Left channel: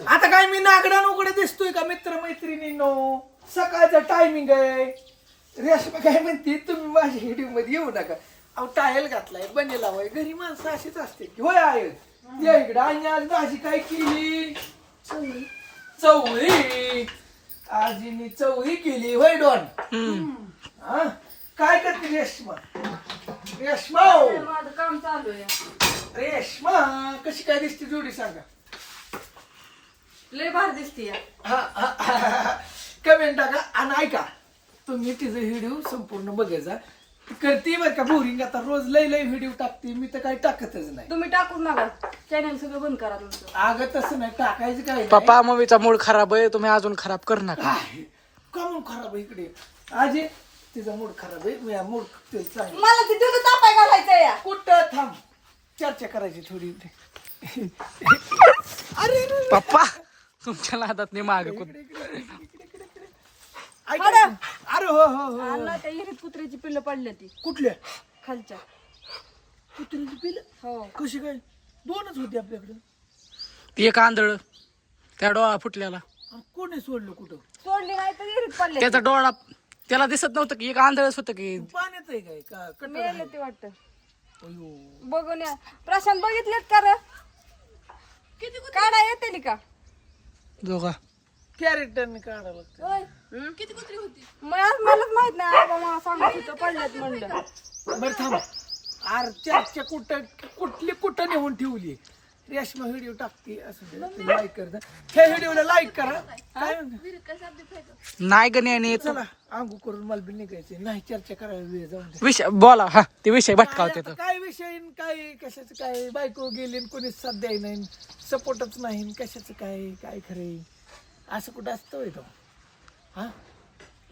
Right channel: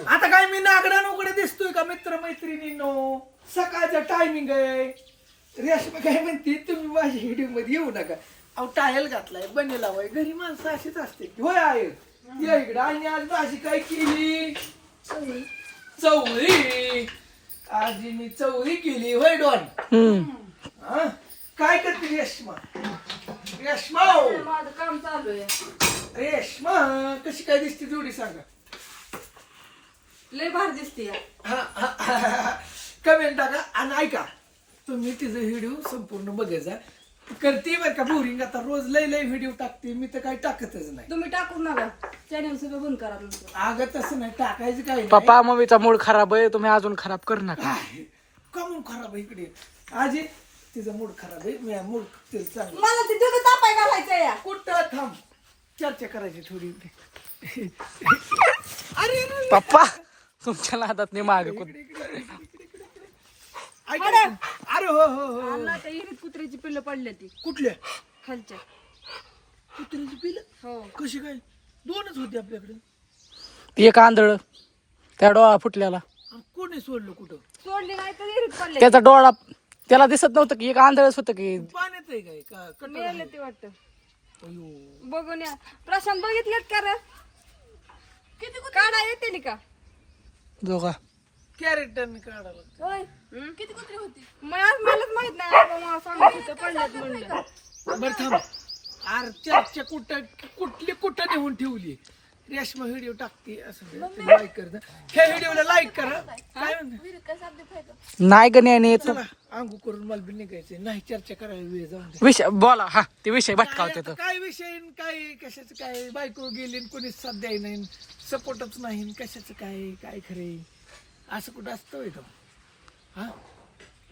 आता काय मी नागडा नोकडे दिसतोय का मित्र मैत्रिणींनो? सकाळचं टायमिंग आहे. रेशमा काय म्हणते तुम्ही माझ्या व्हिडिओ मध्ये येऊ नका. अहो टायल घातलाय बने लावाय घरी माणसं अशीच असते की होय आहे या इकडं. आणि आज भाजी काय केली? चवळी. आजीनी चवळी केली होय डॉन. हा काय करते रेशमा? रेशमा माझं काम चालू आहे. रेशमा कशी काय दिसते जोडी सांगा? लय भारी दिसते. कमेंट टाका आणि ऐका तुम्ही तिचं व्हिडिओ संपूर्ण बघायचा. करते बरं का बोरिंग. आता रोज लय लय व्हिडिओ टाकते मी तर काही टाकतच नाही. तुम्ही टाकून नका चॅनल सगळं बंद करा तुमचं. अगं तसं नाही टाकायचं काय पप्पा मम्मीचा मूड खराब आहे तुम्ही अजून खराब कर नका. कमून खराब आहे इकडे. आजी तिचा मूड खराब आहे. मी मूड तिला चांगलं. मला ते दूध तापाय घालायचं या. कुठं थांब चर्चा करायची थोडी. अरे अरे, पप्पा तुमच्या नादात नाही माग इकडे, इकडे, इकडे, इकडे, इकडे, इकडे. ऐका. अरे हो हो हो. नाही त्या विहिरीत कुत्र्याची पिल्लं पडली ती कुठल्या खालच्या. कुत्रीची पिलं? हो कशी काय? दोनच होती आपल्याकडे. एक आंधळ त्या डोळा फुटल्याला कोणी सोडलं कुठं? सोडली नाही तर विहिरीत पडले. त्याचा डोळा त्याला दिसत नव्हतं की एक आंधळच होतं की. पाण्यात आहे काय का कटर मेले आहे? ते वाटतं. अयो. बघून या. प्रशांत बघितलेत का रे? काढा येते का? दोघा कॅरेक्टरने काढायला लागतं. होय. किती कुत्री होती? मलाच माहित नाही. आबा मला सांगत होतं पडलेत म्हणलं. बरं थांब. आरच्या कुठली कुठं नेऊन ठेवली? रेशमा व्हिडिओ टाकते असं लाईक करता. त्या व्हिडिओला लाईक करा. काय म्हणते? नाही गण्याने येतो चला अंगू करून मला बी निघायचे. नाही चर्चा करायला वेळ जाऊन दे. विषय बोला. हा ते विषय भटकावते आता काय विषय न काय कशाचं काय? बायको गेली न कोणीच साथ द्याय नाही सपोर्टच नाही न कशाचं काय काय खरे असं कुठं असतं होय तो? हा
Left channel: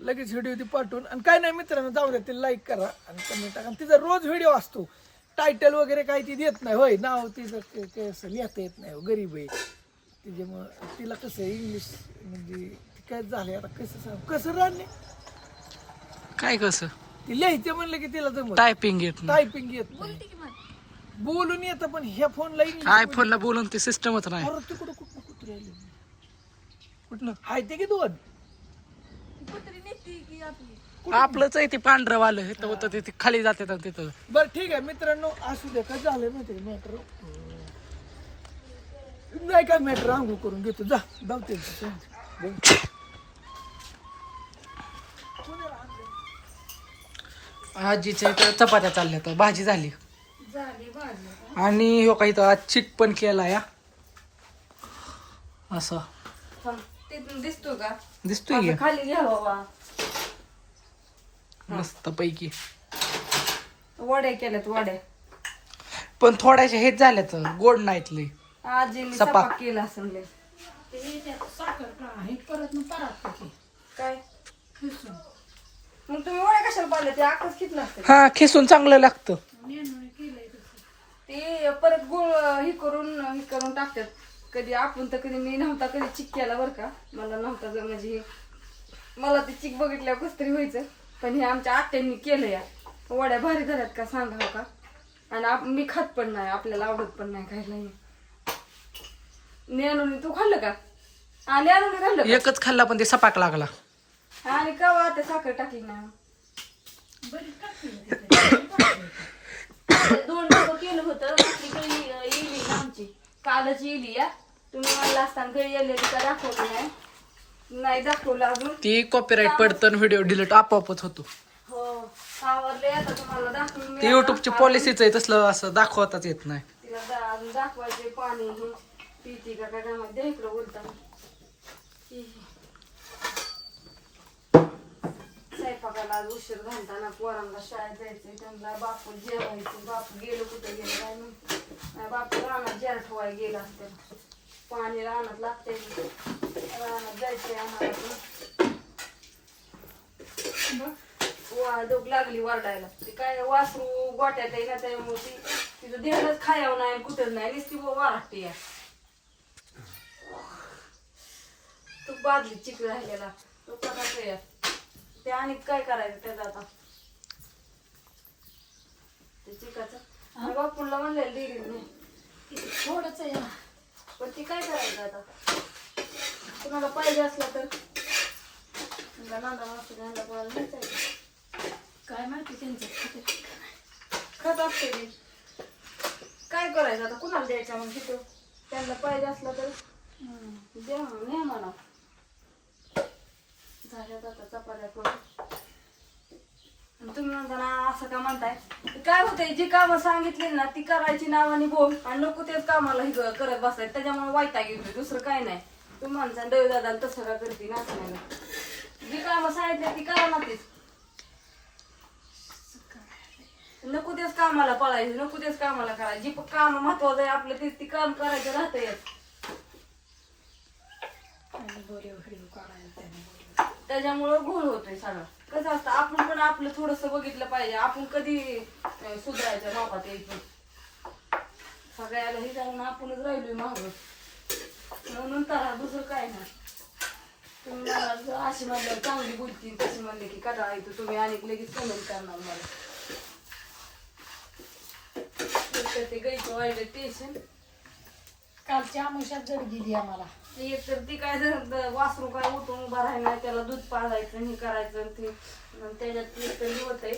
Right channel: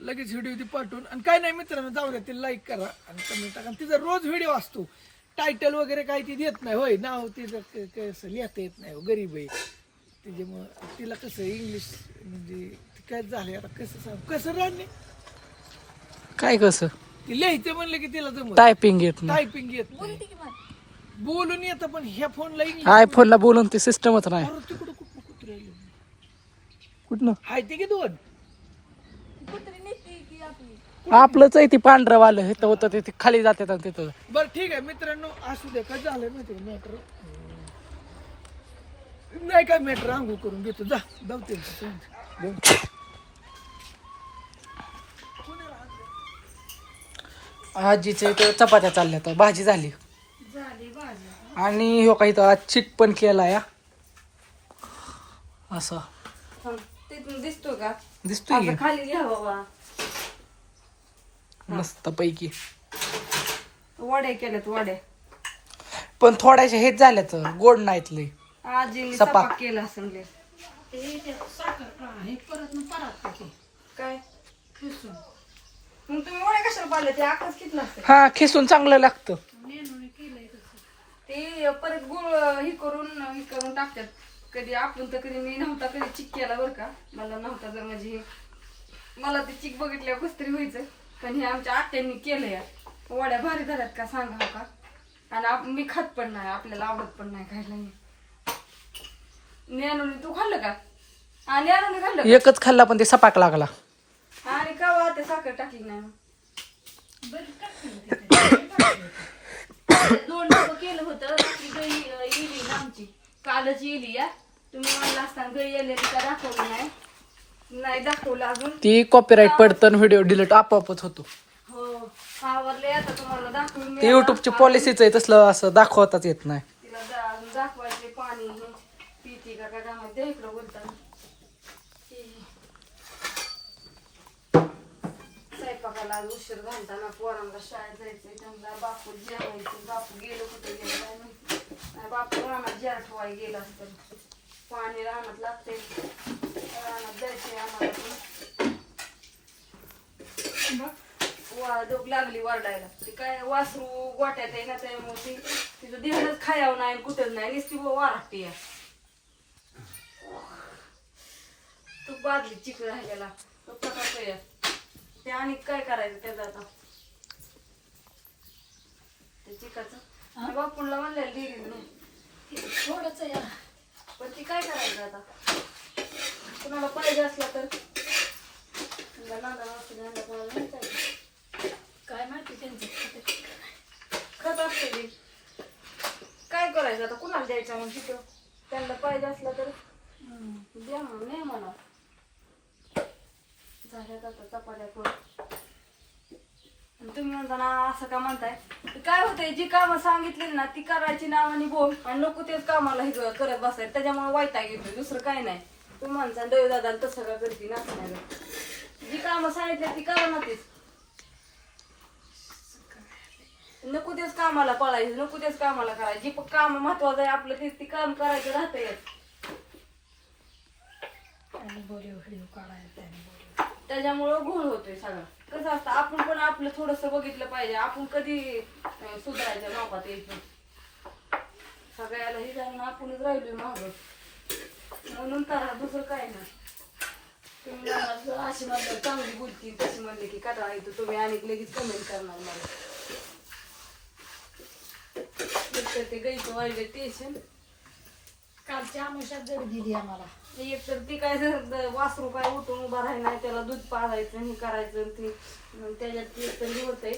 लगेच व्हिडिओ ती पाठवून आणि काय नाही मित्रांनो जाऊ द्या ते लाईक करा आणि कमेंट टाका. तिचा रोज व्हिडिओ असतो. टायटल वगैरे काही ती देत नाही होय. नाव तिचं कसं लिहिता येत नाही हो, गरीब आहे त्याच्यामुळं. तिला कसं इंग्लिश म्हणजे काय झालंय आता कसं सांग कसं राहणे काय कसं ती लिहायचं म्हणलं की तिला जमत टायपिंग येत नाही. टायपिंग येत नाही. बोलून येतं पण ह्या फोनला इंग्लिश. आयफोनला बोलून ते सिस्टमच नाही. अरे तिकडं कुठं कुठं राहिले कुठलं हाय ते की दोन. आपलंच आहे ते पांढरं वालं हे तर होतं ते खाली जाते तिथं. बरं ठीक आहे मित्रांनो असू दे. काय झालंय माहिती का मॅटर? नाही काय मॅटर अंघोळ करून घेतो जा धावते. आजीच्या इथं चपात्या चालल्या तर भाजी झाली झाली भाजी. आणि हो काही तर आज चिट पण केला या असं तिथून दिसतो का? दिसतोय की असं खाली घ्यावा बा. मस्त पैकी. वड्या केल्यात वड्या. पण थोड्याशा हेच झाल्यात गोड नाहीत लय. आजीने सपाक. सपाक केला असेल लय. काय मग तुम्ही वड्या कशाला पाडले? ते आकच किती असते हा खिसून चांगलं लागतं. ते परत गुळ हे करून टाकतात. कधी आपण तर कधी मी नव्हता कधी चिक केला बरं का. मला नव्हता जर म्हणजे मला ते चिक बघितल्या कस तरी व्हायचं. पण हे आमच्या आत्यांनी केलं या वड्या भारी झाल्यात का सांगा हो का. आणि मी खात पण नाही. आपल्याला आवडत पण नाही खायला. ज्ञानूने तू खाल्लं का? हा ज्ञानूने खाल्लं का? एकच खाल्ला पण ते सपाक लागला. आणि कवा ते साखर टाकली ना. दोन डबं केलं होतं. बाकी काही इली ना आमची कालच इली या. तुम्ही मला असताना काही येले का दाखवलं नाही दाखवलं अजून. ती कॉपीराईट पडतं व्हिडिओ डिलीट आपोआपच होतो. हो आवडले. आता तुम्हाला दाखवून ते युट्यूबची पॉलिसीच आहे तसलं असं दाखवताच येत नाही. तिला अजून दाखवायचे पाणी हे पिती का काय मध्ये इकडं बोलताना. स्वयंपाकाला आज उशीर घालताना पोरांना शाळेत जायचंय. त्यांना बापू जेवायचं. बापू गेलो कुठे गेलो काय माहिती. बापू रानात जेर ठेवायला गेला असतं. पाणी रानात लागतंय. रानात जायचंय आम्हाला. डोक लागली वरडायला. ते काय वासरू गोट्यात आहे ना त्यामुळे तिचं देहच खायावं नाही कुठंच नाही. नुसती वाराटते या. तू बादली चिक राहिलेला तो पटाचं या. ते आणि काय करायचं त्याचं आता ते चिकाचं बापूला म्हणलेलं डेअरी थोडंच या. पण ते काय करायचं आता. कुणाला पाहिजे असला तर नांदा असते नांदा कोणाला नाही पाहिजे. काय माहिती त्यांचं खत असते ते. काय करायचं आता कुणाला द्यायचं मग तिथं त्यांना पाहिजे असलं तर द्या मग नाही म्हणा. झाल्यात आता चपात्या करून. तुम्ही म्हणता ना असं का म्हणताय, काय होतंय जी कामं सांगितली ना ती करायची नावाने बोल आणि नको तेच कामाला हे करत बसायचं. त्याच्यामुळे वैताग येतो, दुसरं काय नाही. तुम्ही म्हणता देव दादा तसं का करते ना असं नाही. जी कामं सांगितली ती करा ना तेच. नको तेच कामाला पळायचं, नको तेच कामाला करायचं. जी काम महत्वाचं आहे आपलं तेच ती काम करायचं राहतंय. त्याच्यामुळं घोळ होतोय सगळा. कसं असतं आपण पण आपलं थोडस बघितलं पाहिजे. आपण कधी सुधारायचं नोकात यायचं. सगळ्याला हे जाऊन आपणच राहिलोय मागं म्हणून तर दुसरं काय नाही. तुम्ही अशी म्हणलं चांगली बोलती तशी म्हणले की कटाळा येतो तुम्ही आणि लगेच कमेंट करणार मला. ते गाईचं वाईट टेन्शन. कालची आमुषात जड गेली आम्हाला. एक तर ती काय वासरू काय उठून उभा राहिला नाही, त्याला दूध पाजायचं हे करायचं ते त्याच्यात एक तरी होतंय.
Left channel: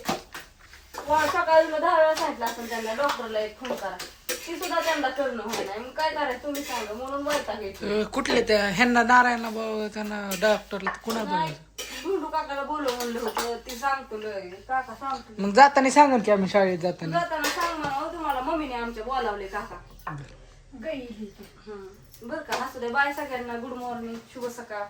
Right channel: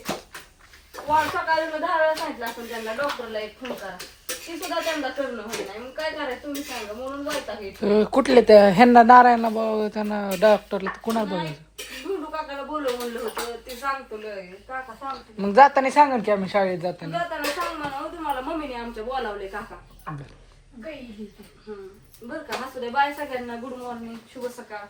सकाळी 10 वेळा सांगितलं आपण त्यांना डॉक्टरला एक फोन करा, ती सुद्धा त्यांना करणं होय नाही. मग काय करायचं तुम्ही सांगा. म्हणून वैताग येतो. कुठले त्या ह्यांना नारायणला बघ त्यांना डॉक्टरला कुणाला बघायचं. गुंडू काकाला बोलव म्हणलं होतं ते सांगतो लय. काका सांगतो मग जाताना सांगा की आम्ही शाळेत जाताना. जाताना सांग म्हणा तुम्हाला मम्मीने आमच्या बोलावले काका. गई बरं का. असू दे. बाय सगळ्यांना. गुड मॉर्निंग, शुभ सकाळ.